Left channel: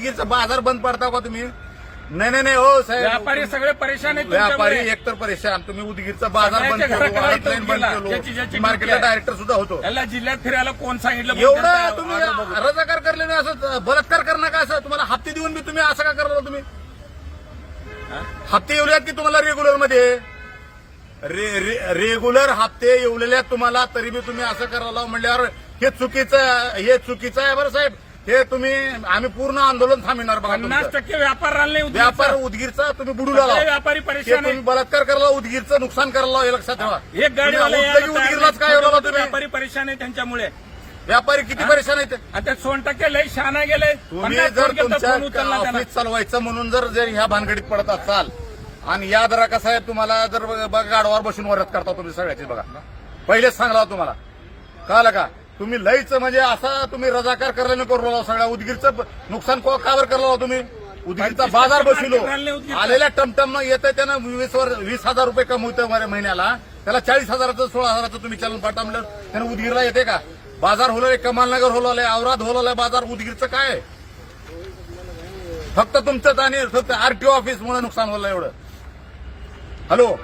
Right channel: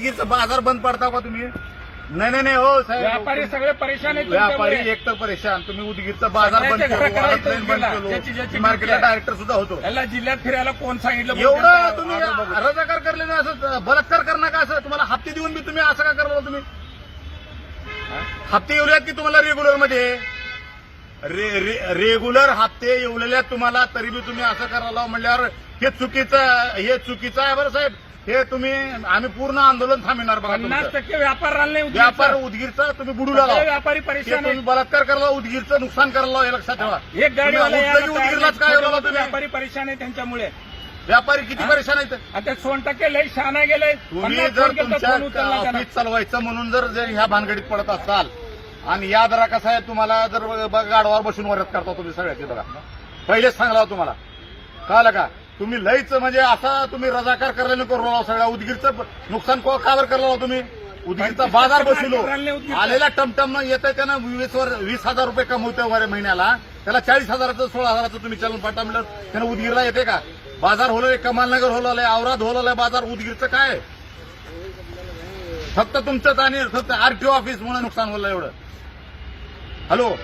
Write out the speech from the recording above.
उदगीरचा बाजार बंद पडता का तुम्ही? नाही हो साहेब, व्यापारी सगळे परेशान आहेत व्यापारी तुमच्यामुळे. एकतर परेशान, तुम्ही उदगीरचा बाजार बंद सगळ्यांच्या केलो, घराकडे ट्रेन बंद गेला. ज्याची केलो, मार्केटला डायरेक्टर सुद्धा होतो. याला जिल्ह्यात फिरायला कोण सांगितलं? एवढं तुम्ही रजाकार करले ना, असं बलात्कार करणं का? असं तुम्हाला हप्ते देऊन मी तुम्ही असं का करला? तुम्ही हप्ते येऊल्यात की तुम्हाला रेग्युलर मध्ये? रेग्युलर हप्ते येवलेल्या तुम्हाला, तरी बी तुम्ही असं करायला म्हणल्यावर हे चुकीचं आहे बरं साहेब. हे तुम्ही आम्ही पूर्ण आंदोलन थांबणार बघा. 50% व्यापार राहिले नाही. व्यापार उदगीरचा तुम्ही बुडूला लावा. व्यापारी परेशान तुम्ही आहे. बलात्कार करायला, उदगीरचं नुकसान करायला, हे लक्षात ठेवा. एक गाडीवाला यायला तयार उदगीरलाच काय नाही. बोलावं तुम्ही? व्यापारी परेशान आहे त्यांच्यामुळे. व्यापारी किती परेशान आहेत? आता 100% लय शहाणा गेले. तुम्ही 50 जर फोन केलता, फोन उचलला तुमच्या त्यांना. ऑफिस चालवायचं म्हणून जर ह्या भानगडीत पडत असाल, आणि याद राखा साहेब, तुम्हाला जर गाडवावर बसून वरत करता तुम्ही सगळ्याची बघा. पहिलेच सांगला तुम्हाला, कळलं का? तुम्ही लईच म्हणजे असा तुम्ही रजाकार करायला करू सगळ्या उदगीरचं नुकसान का बर करला तुम्ही? उदगीरचा बाजार बसलो, आलेल्या टमटम येतं त्यानं 20,000 रुपये कमवतोय महिन्याला, त्याला 40,000चं 16,000चं तुम्ही चलन पाठवलं, त्यानं उदगीरला येते का? बाजार होलोय, कमालनगर होलोय, औराद होलोय बाजार. उदगीरचं काय? फक्त तुमचं आणि फक्त आरटीओ ऑफिस मुळे नुकसान होलं एवढं. हॅलो.